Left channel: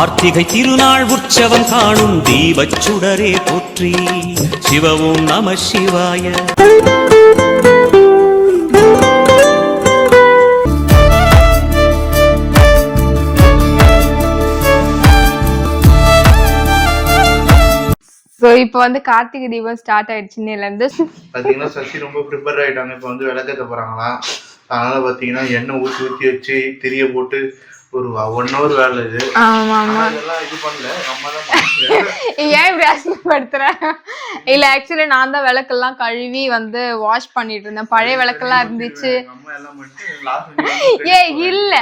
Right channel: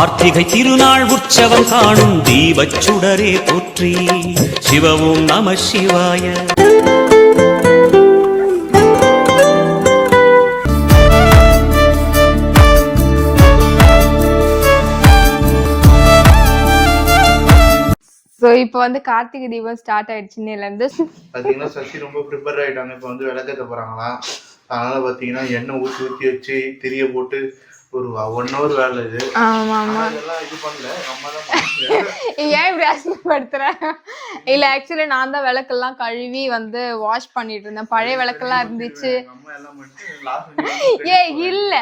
கார்த்திகை திருநாள் உற்சவம் காணும் தீபச் சுடரே போற்றி. சிவவும் நம சிவாய. இப்போ வந்து கார்த்திகை தீபம் ஸ்டார்ட் ஆயிடுச்சு இன்னையிலேருந்து. பார்த்தீங்கன்னா சசி ரொம்ப ப்ரிப்பேர் ஆகிட்டாங்க. இப்போ வந்து விளக்கேற்ற போகிறாங்களாம். அதனால் பார்த்தீங்கன்னா எண்ணெய் ஊற்றி வச்சு திரிய போட்டு ஒரு 1 hour வேலை இது. இது பண்ணல நம்ம தான். ஏன் இப்படி அசிங்கப்படுத்துற? இல்ல ஆக்சுவலி நான் தான் விளக்கெல்லாம் கழுவி வந்து வாஷ் பண்ணிட்டு இருந்தேன். பழைய விளக்கெல்லாம் இருந்துச்சு. ஏ இல்ல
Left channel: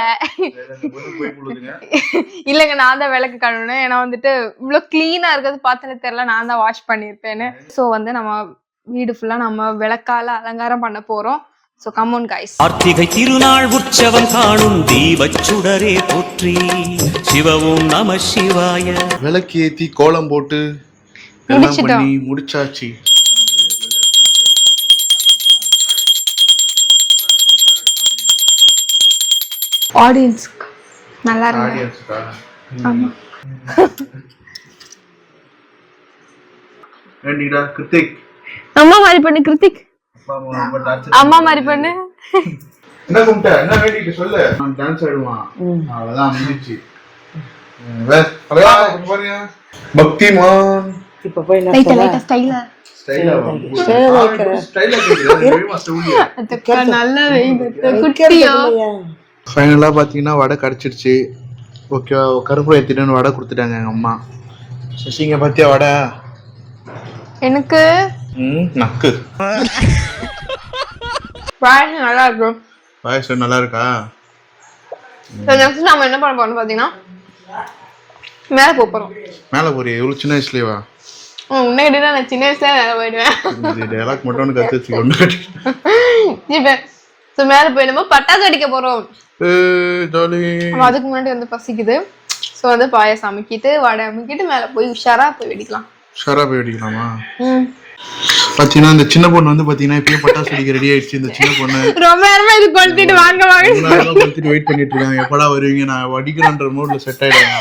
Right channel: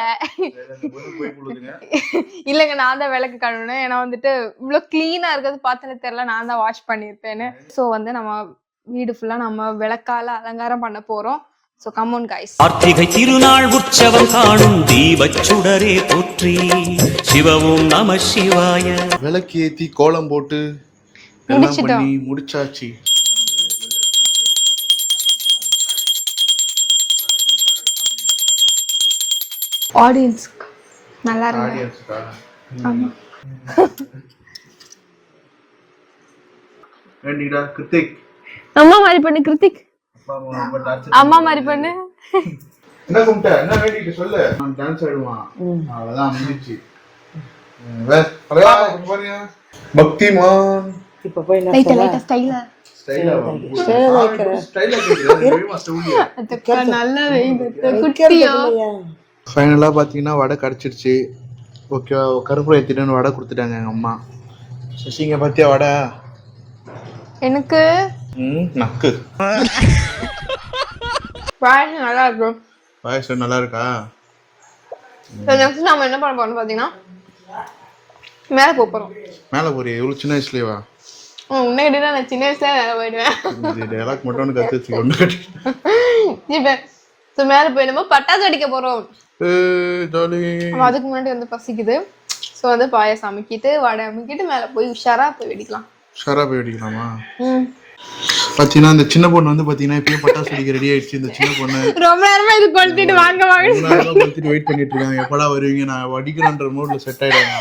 இல்லங்க, நான் தான் விளக்கு கழுவினேன். ஏன்னா வந்துட்டு இவ்வளவு கிளீனா இருக்கிறது பார்த்தனே தெரியல, நான் தான் வாஷ் பண்ணிருப்பேன்னு. ஸோ வந்து நம்ம வீடு ஃபுல்லா நம்ம விளக்கால அலங்காரம் பண்ண போறோம். So come on guys. Karthigai திருநாள் உற்சவம் காணும் தீபச் சுடரே போற்றி. சிவவும் நம சிவாய. விளக்கு ஏத்தி கோலம் போட்டு எல்லாம் பண்ணி முடிச்சாச்சு. ஆடியன்ஸ் நல்லா இருக்கு. ஆமா. ஏண்டிடா கிருத்திக், அம்மா மாதிரி பண்ணு கிருத்திக். அம்மா மாதிரி பண்ணு. என்ன கும்பிட்ட? என்ன வேண்டிட்டு சொல்லு. நான் டான்ஸ் ஆடுவான். அவ்வளவுதான் முடிஞ்சிச்சு. பக்திமான் இப்ப போய் லைட்டா ஸ்டைலா நல்ல குட்டியா. ஃபைனலா பாத்தீங்கன்னா வடை கிடைச்சிருச்சு. ஓகே, கருப்பு ஏத்திட்டு வடை கொடுத்துட்டாங்க எங்க அம்மா. சசிங்க பாத்தியா வடை? எனக்கு நக்கு. பாயசம் நல்லா இருக்கும். பாயசம் நல்லா இருக்கா? நெக்ஸ்ட் நாம என்ன பண்ண போறோம் பாத்தீங்கன்னா மேல போறோம். மேல போறியா? எவ்வளவு சின்ன வயசுலவா? உன்னை கிட்ட நான் சின்ன வயசுல மேல போயிடுவேன். இந்த டயலாக் மட்டும் கத்து வச்சுக்கோங்க. இப்ப மேல போய் நம்ம பட்டாசு அடிக்க போறோம். அதுக்கு முன்னாடி வந்து பசிக்குது. சோ வந்து பாயசம் அமைக்கிட்டு வடை அமைக்கிட்டு மேல போய் உஷாரா போய் வெடிக்கலாம். உஷாரா போய் வெடிக்கலாமா? பாத்தீங்கன்னா இந்த சின்ன பொண்ணு வந்து பாத்தீங்கன்னா இப்பயே பட்டாசு வெடிக்க ரெடி ஆயிடுச்சு. இந்த சின்ன பொண்ணு ரொம்ப நேரமா இது கொளுத்திட்டு வாங்க கொளுத்திட்டு வெயிட் பண்ணிட்டு இருக்காங்க. எப்படா வருவீங்க, நான் வடிக்கணும்ன்ற மூட்ல செட் ஆயிடுவாங்க.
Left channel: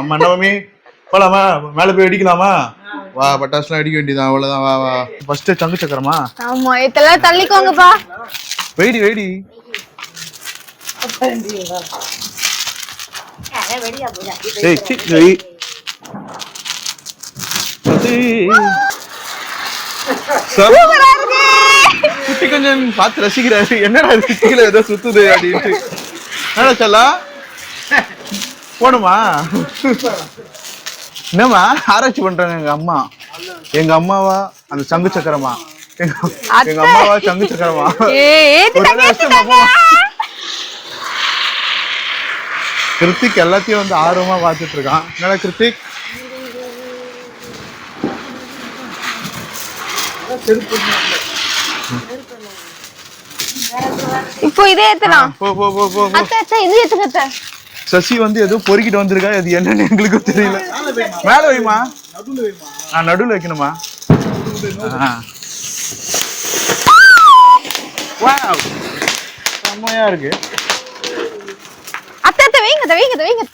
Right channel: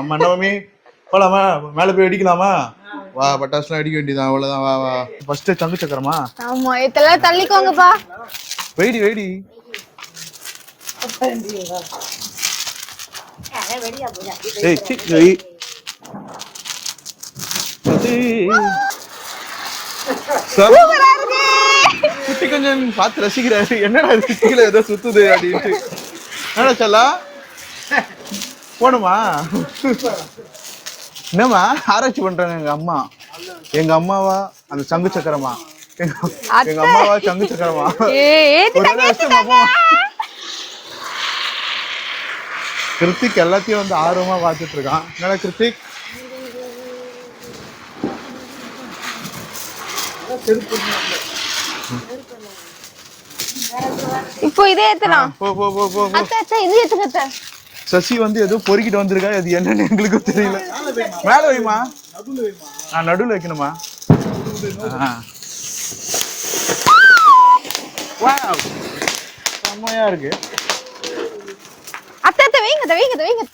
அம்மா என்னமே போலாமா? மேல போய் வெடிக்கலாமா? வா, பட்டாசுலாம் வெடிக்க வேண்டியதான். அவ்வளவுதான். வா வா. ஃபர்ஸ்ட் சங்கு சக்கரமா? ஆமா, இதெல்லாம் தள்ளிக்கோங்கப்பா. வெடி வெடி. ஏய் சி ஏய் குட்டி கொஞ்சம் பார்த்து ரசிக்கிறாரு. என்னடா சிட்டில ஏதோ சுத்துது அப்படின்ட்டு. என்ன சொல்லா போணுமா? என்னம்மா ஆராய்ச்சி பண்றாங்க எங்க அம்மா? எங்க அம்மாவா அந்த சங்கு சக்கரமா? எங்க அம்மாவா சங்கு சக்கரமா? கிருத்திக் எல்லாத்தையும் வந்து ஆர்வமா பார்த்துட்டு இருக்கான். என்னடா கிருத்திக்? இப்போ இதே ஏத்தலாம். போ போ போ போ. அச்சா இது ஏத்துங்க. சசி வந்து ஏதோ பொறுக்கிட்டு வந்திருக்கா. இது என்னன்னு எங்களுக்கு தெரியல. மேல வைமா. நான் நடுவுல வைக்கணுமா? வாவ், செம்மையா இருக்கு. அத்தை வைங்க வைங்க வைங்க.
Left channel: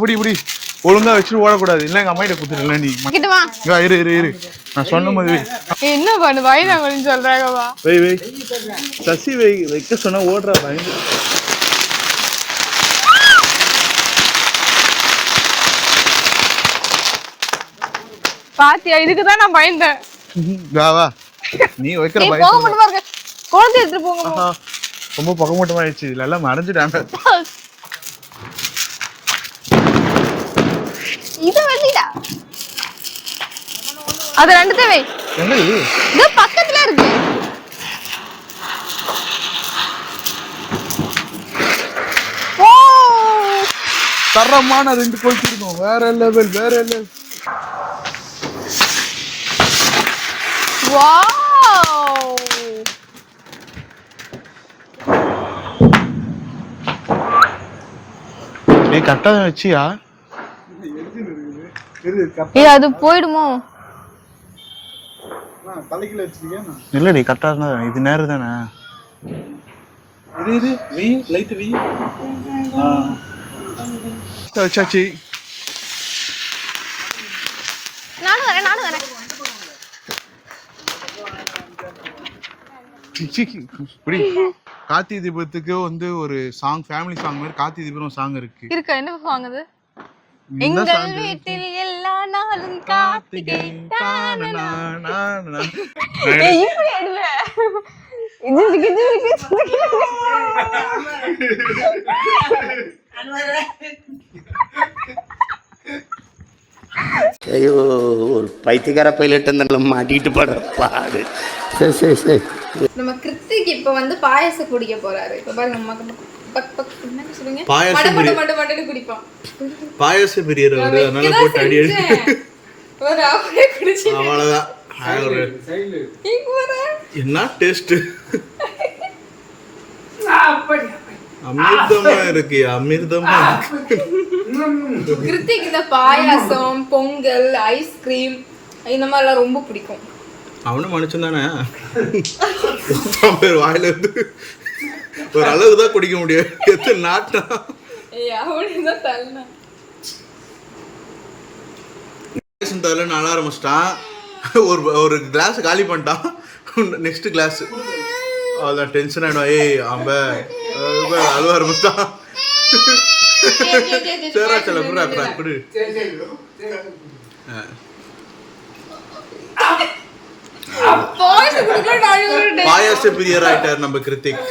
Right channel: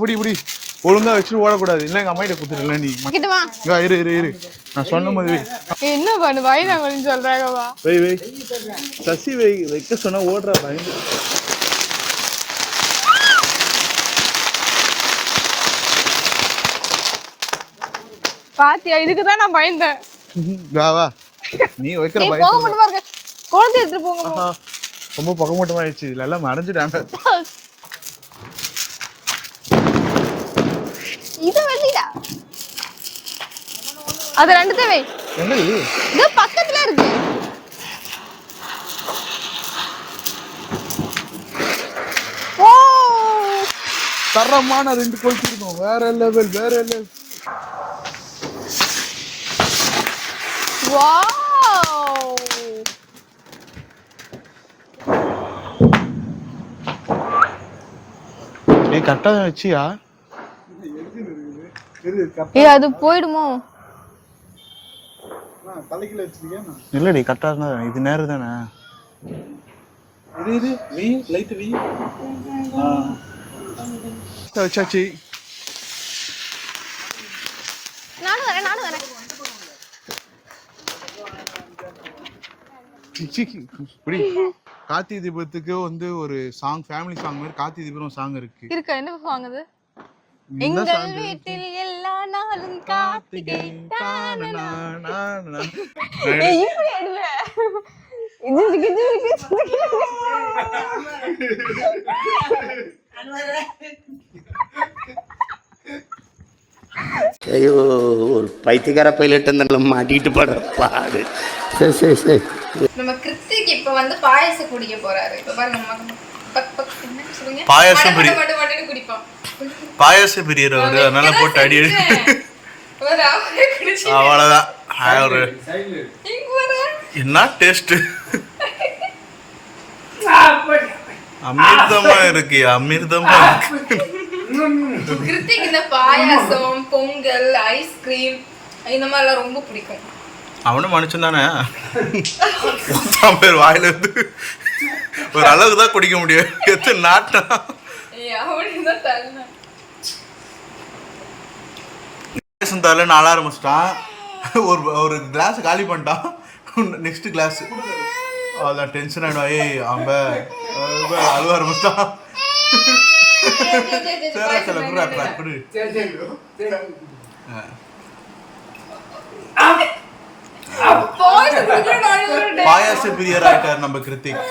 புடி புடி. ஒழுங்கா வச்சுட்டு ஓடக்கூடாது. இல்ல எங்க அம்மா கிட்ட குடுத்துருல. நீ இரு இரு இரு. நான் சொன்ன மாதிரி என்ன பண்ணு வைதாங்கன்னு சொல்றாங்கவா? வை வை. சசி வை. வைக்க சொன்னா ஓடுறா பயந்து. பாத்தியா, இதுக்குதான் நான் பயந்தேன். வா வா. நீ வைக்கிற பயம். போக மட்டுமா இருக்க. குழந்தை எடுத்து போங்க. ரொம்ப பகமட்டமா ஆயிடுச்சு. இல்ல எல்லாம் மறைஞ்சிட்டாங்க. இது வெட்டிடா. அது ரெண்டு தேவை. என்னது? இது பக்கத்துல இருக்கு. ஓ, தரமான 2 கொளுத்திருக்கோம். வேற லெவல் வேற லெவல். வாவ். நீ கரெக்டா வச்சியா? அது போயிடுமோ? தலைக்கில வச்சிருக்கேன் இல்லடி கரெக்டா தான் இது நேரம் தானே இது வி லைட் வி சாச்சி நானும் வரேன் கார்த்திகை தீபத்துக்கு வந்து ஒரு சாங் ஃபேமிலி சாங் மாதிரி கார்த்திகை தீபம் சாங் இருக்கு என்ன சாங் அது? எங்கள் வீட்டில் எல்லா நாளும் கார்த்திகை ஐயோ ஒரு பைத்தியக்கார பைலட் மாட்டிக்கிட்டு படுற பாடு. சரி நம்ம கிருத்திக் இப்ப வந்து பாயாசம் குடிக்க போறாரு. இப்ப பாருங்க அம்மா என்ன சொல்றீங்க? பாயாசம் மட்டும் குடிப்பான். பாயாச பிரியர் அவரு அதனால போட்டு அடி அவ்வளவுதான். என்ன டேஸ்ட் அமிர்தமா இருக்கு அமிர்தமா இருக்கு. கிருத்திக் இந்த பாயாசம் பொங்கல் ஐஸ்கிரீம் இந்த மாதிரிலாம் ரொம்ப பிடிக்கும். அவனும் மனுஷன் தானே பேர் வாயில இருந்து ஒரு அளவுக்கு தான் குடிக்க முடியும். எத்தனை நாட்டா தரல நாள ஆரம்பிச்சிட்டான். ஒரு கிளாஸ் காலி பண்ணிட்டான். நெக்ஸ்ட் கிளாஸ் அவ்வளோதான் டென்ஷன் ஆகிடும். ஏய் அம்ப அழுவ ஆரம்பிச்சிட்டான். சரி சில குடு குடு பாயாச பிரியர் ஆயிட்டார் நம்ம கிருத்திக்.